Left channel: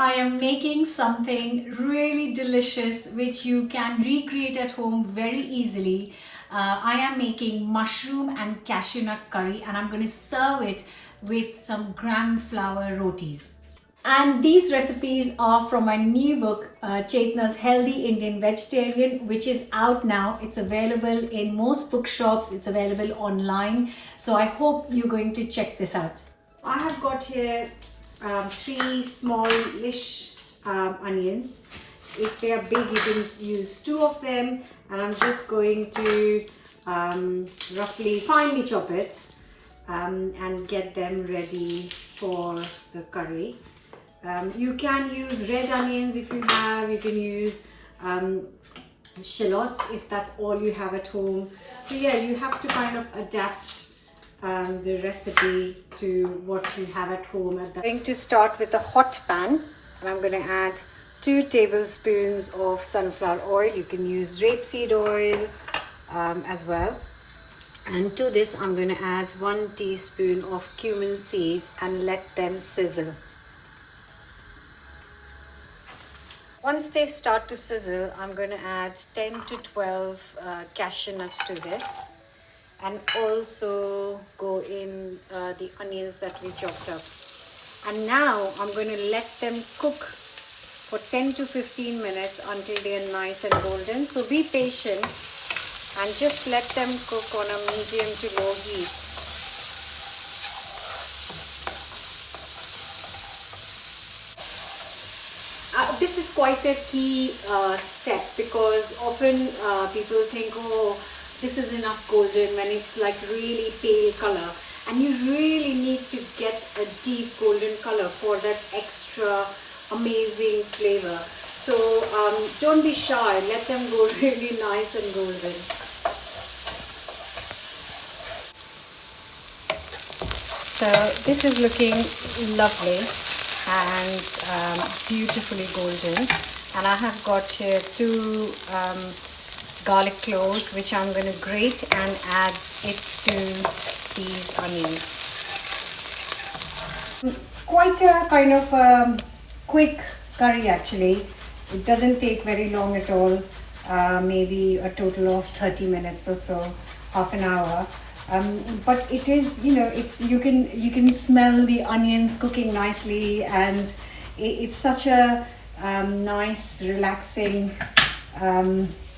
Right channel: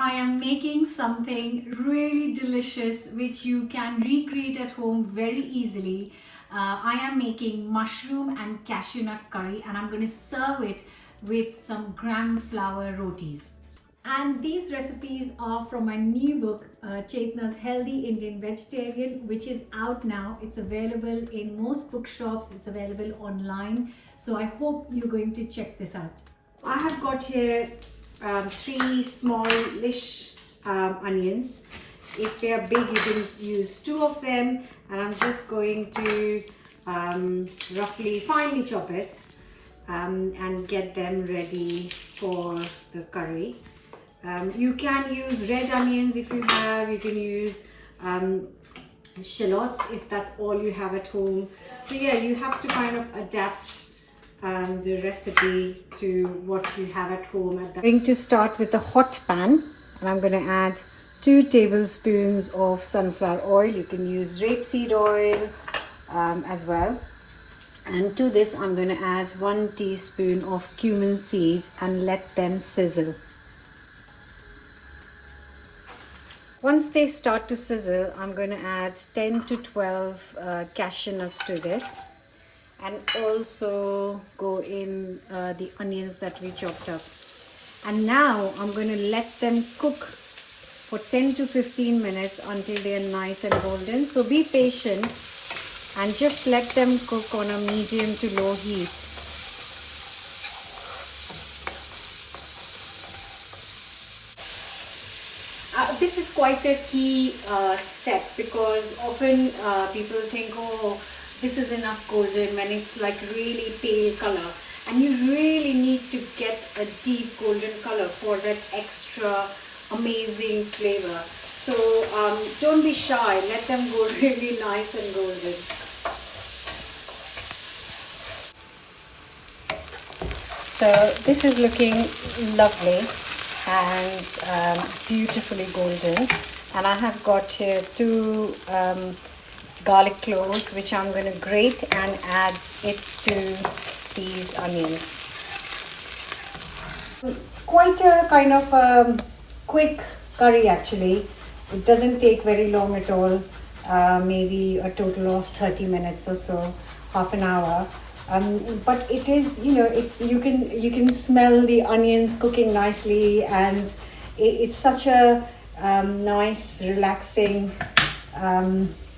I am making something really delicious which you can recreate at home very easily. I am making mushroom and cashew nut curry, and I'm going to serve it with some gram flour rotis. And these recipes are from my new book, Chetna's Healthy Indian Vegetarian, which is out now. It's available in most bookshops. It's available online. So I hope you're going to check this out. I have got here 3 smallish onions. If they are big, you can use 2 of them. And I'm just going to roughly finely chop it and get them ready for the curry. You can use red onions if you have. You can use shallots if that's all you have at home. So yeah, you have to kind of adapt the recipe to what you have at home. I'm going to start with a hot pan, and I'm going to add 2 tablespoons of sunflower oil. You can use rapeseed oil as well. And to this I'm going to add 1 teaspoon of cumin seeds and let them sizzle. Once they start to sizzle, I'm going to add 10 to 12 cashew nuts to this, and also go in the onions that we chopped up. And now I'm going to let them cook for 10 to 15 minutes until they are nice and golden. So be patient and just let them cook on a medium to low heat. This is quite a key step, because often people think, oh, this is enough golden, when it's like really pale color, and you really need to get a deep golden color for that extra amazing flavor. So don't be shy, let them go really nice and golden. So this is looking lovely and beautifully golden, and I have got here 2 garlic cloves which I'm going to grate and add it to these onions. Quite a kind of quick curry actually. It doesn't take very long at all, maybe a total of 30 minutes or so, half an hour. But it is, you know, it's you can smell the onions cooking nicely, and it's such a nice, relaxing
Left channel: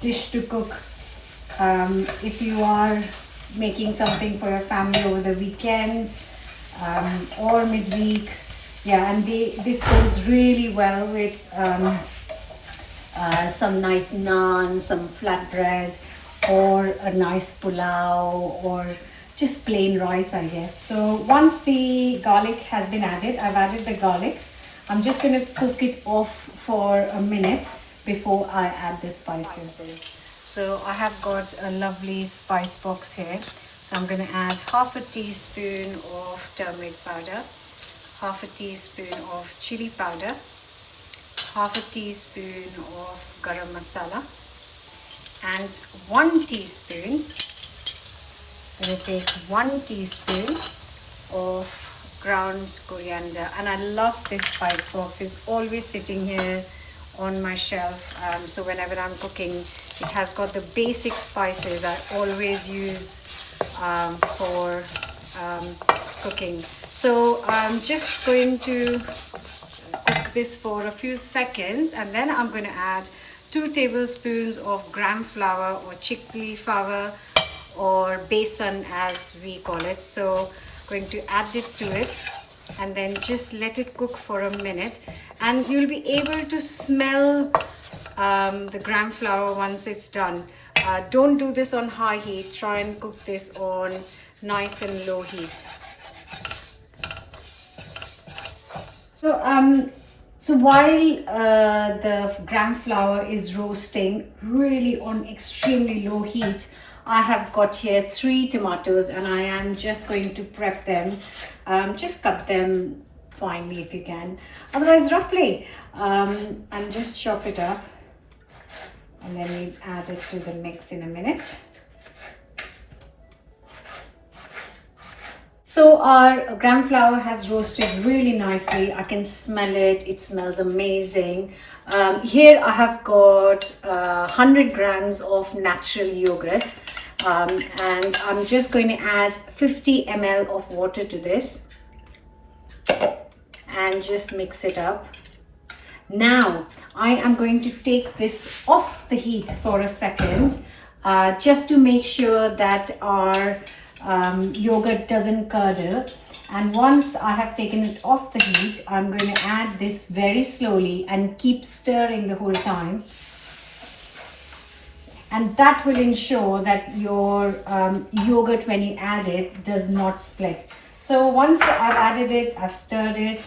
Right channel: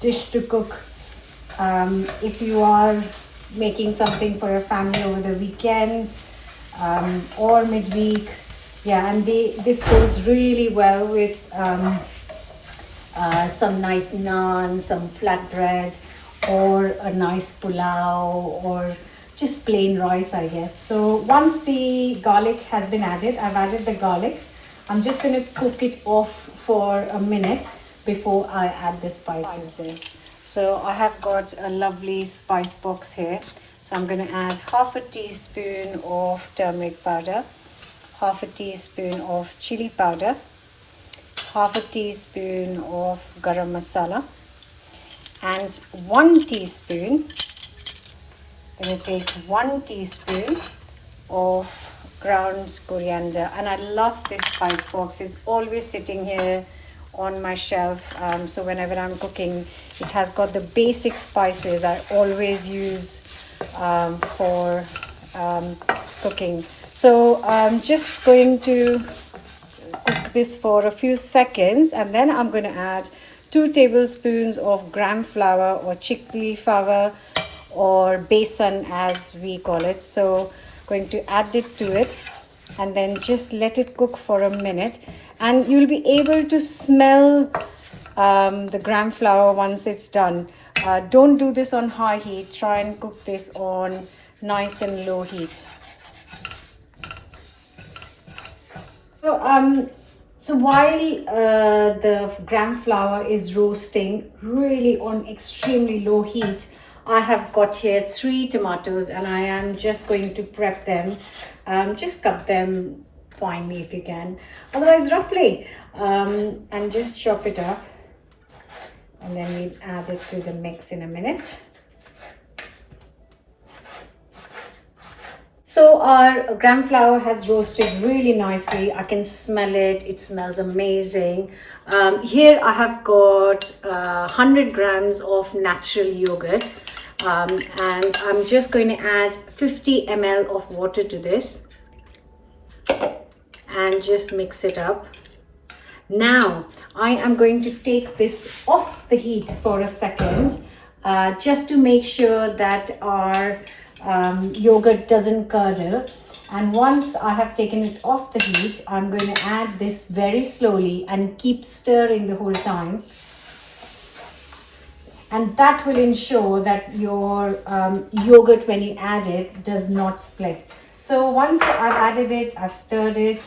dish to cook if you are making something for your family over the weekend or midweek. Yeah, and this goes really well with some nice naan, some flatbread, or a nice pulao, or just plain rice, I guess. So once the garlic has been added, I've added the garlic. I'm just going to cook it off for a minute before I add the spices. So I have got a lovely spice box here. So I'm going to add half a teaspoon of turmeric powder, half a teaspoon of chili powder, half a teaspoon of garam masala, and 1 teaspoon, I'm going to take 1 teaspoon of ground coriander. And I love this spice box. It's always sitting here on my shelf, so whenever I'm cooking, it has got the basic spices I always use for cooking. So I'm just going to cook this for a few seconds, and then I'm going to add 2 tablespoons of gram flour, or chickpea flour, or besan as we call it. So going to add it to it, and then just let it cook for a minute, and you'll be able to smell the gram flour once it's done. Don't do this on high heat. Try and cook this on nice and low heat. So while the gram flour is roasting really on extremely low heat, I have got here 3 tomatoes, and I am just going to prep them. Just cut them finely if you can, otherwise roughly, and just chop it up, and then we'll add it to the mix in a minute. So our gram flour has roasted really nicely. I can smell it. It smells amazing. Here I have got 100 grams of natural yogurt. And I'm just going to add 50 ml of water to this and just mix it up. Now I am going to take this off the heat for a second, just to make sure that our yogurt doesn't curdle. And once I have taken it off the heat, I'm going to add this very slowly and keep stirring the whole time. And that will ensure that your yogurt, when you add it, does not split. So once I've added it, I've stirred it,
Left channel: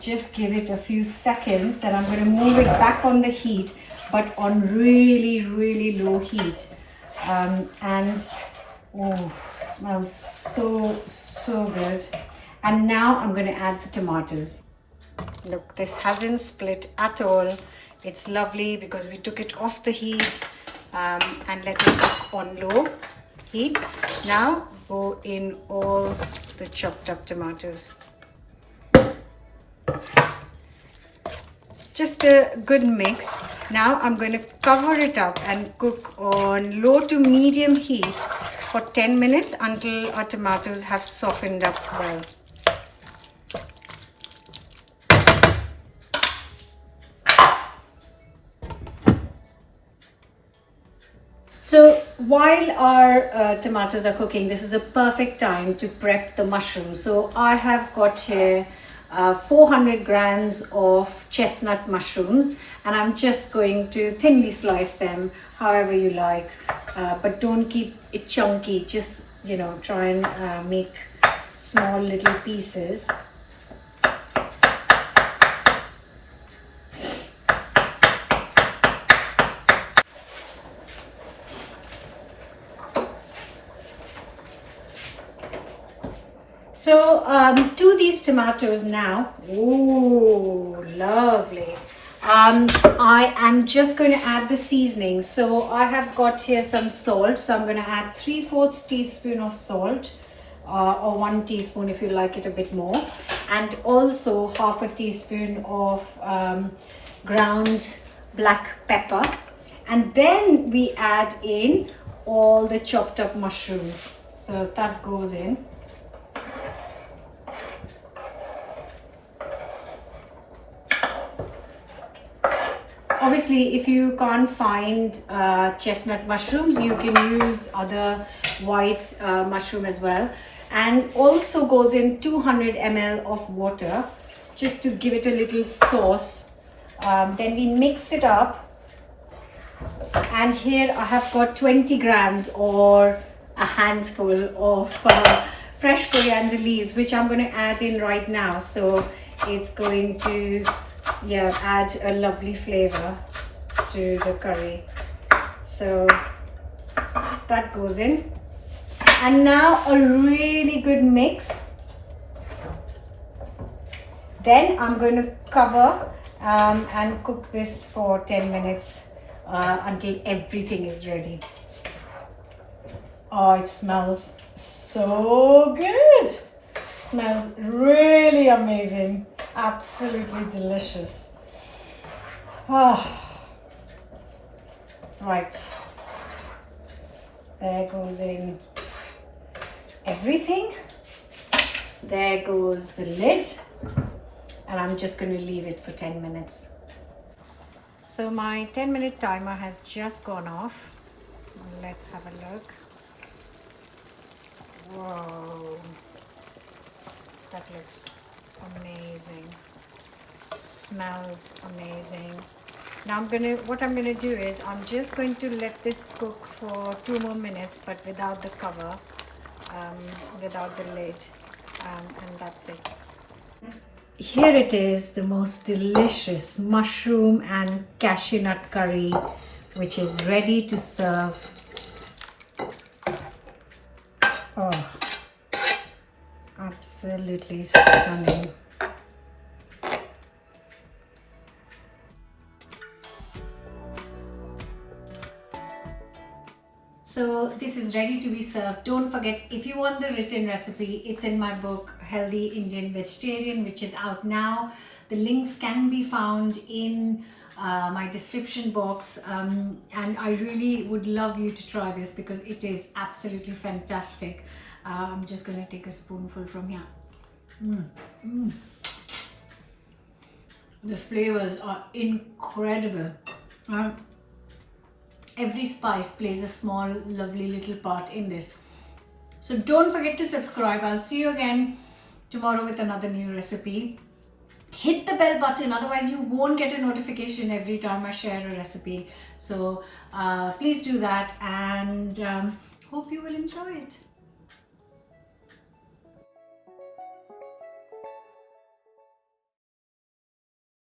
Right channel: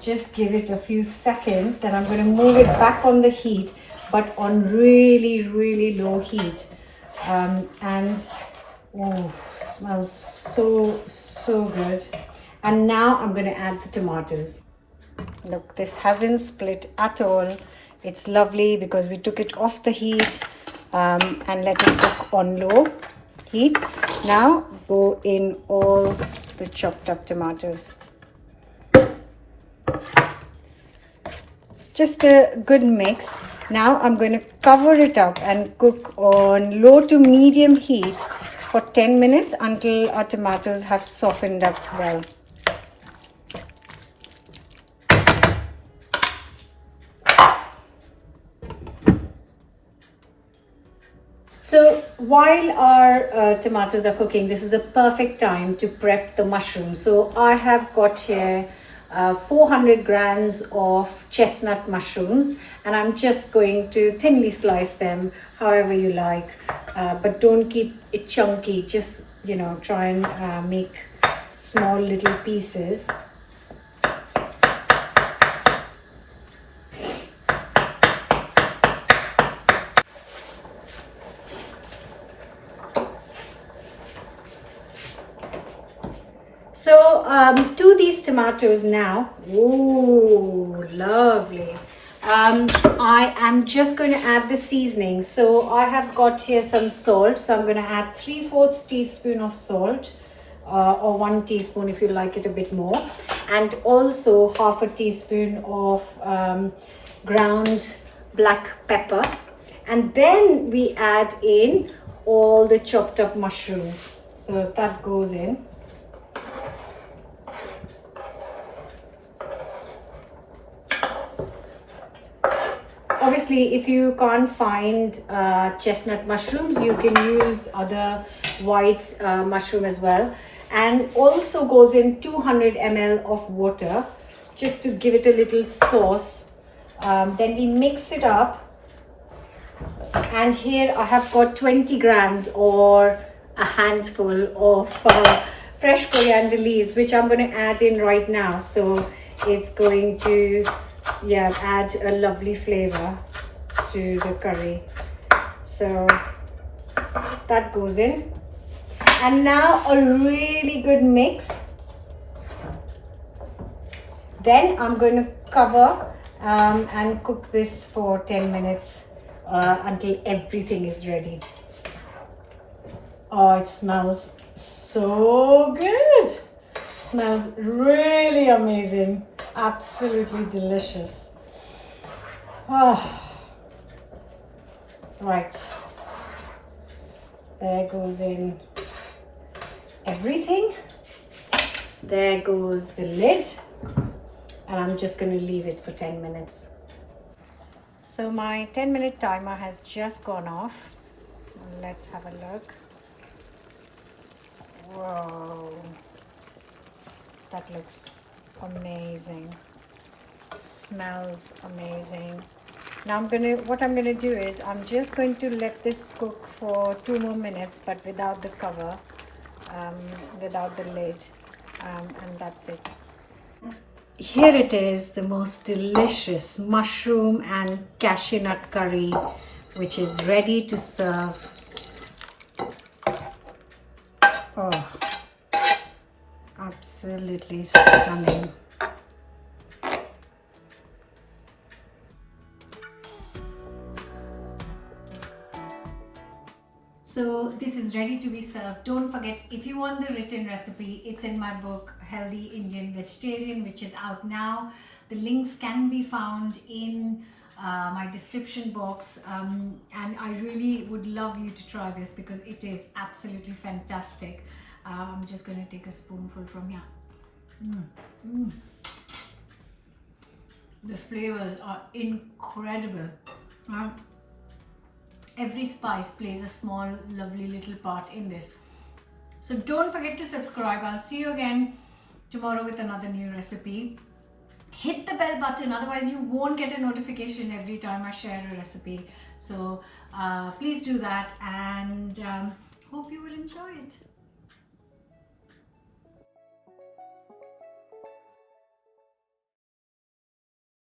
just give it a few seconds. Then I'm going to move it back on the heat, but on really, really low heat. And oh, smells so good. And now I'm going to add the tomatoes. Look, this hasn't split at all. It's lovely because we took it off the heat and let it cook on low heat. Now go in all the chopped up tomatoes. Just a good mix. Now I'm going to cover it up and cook on low to medium heat for 10 minutes until our tomatoes have softened up well. So while our tomatoes are cooking, this is a perfect time to prep the mushrooms. So I have got here 400 grams of chestnut mushrooms, and I'm just going to thinly slice them however you like, but don't keep it chunky. Just, you know, try and make small little pieces. So to these tomatoes now, ooh, lovely. I am just going to add the seasoning. So I have got here some salt. So I'm going to add 3/4 teaspoon of salt, or 1 teaspoon if you like it a bit more. And also 1/2 teaspoon of ground black pepper. And then we add in all the chopped up mushrooms. So that goes in. Obviously, if you can't find chestnut mushrooms, you can use other white mushroom as well. And also goes in 200 ml of water, just to give it a little sauce. Then we mix it up. And here I have got 20 grams or a handful of fresh coriander leaves, which I'm going to add in right now. So it's going to add a lovely flavor to the curry. So that goes in, and now a really good mix. Then I'm going to cover and cook this for 10 minutes until everything is ready. Oh, it smells so good. Smells really amazing. Absolutely delicious. Oh. Right. There goes in everything. There goes the lid. And I'm just going to leave it for 10 minutes. So my 10-minute timer has just gone off. Let's have a look. Whoa. That looks amazing. Smells amazing. Now what I'm gonna do is I'm just going to let this cook for 2 more minutes, but without the cover, without the lid, and that's it. Here it is, the most delicious mushroom and cashew nut curry, which is ready to serve. Oh, absolutely stunning. So this is ready to be served. Don't forget, if you want the written recipe, it's in my book Healthy Indian Vegetarian, which is out now. The links can be found in my description box, and I really would love you to try this because it is absolutely fantastic. I'm just going to take a spoonful from here. The flavors are incredible. Every spice plays a small, lovely little part in this. So don't forget to subscribe. I'll see you again tomorrow with another new recipe. Hit the bell button, otherwise you won't get a notification every time I share a recipe. So please do that, and hope you will enjoy it.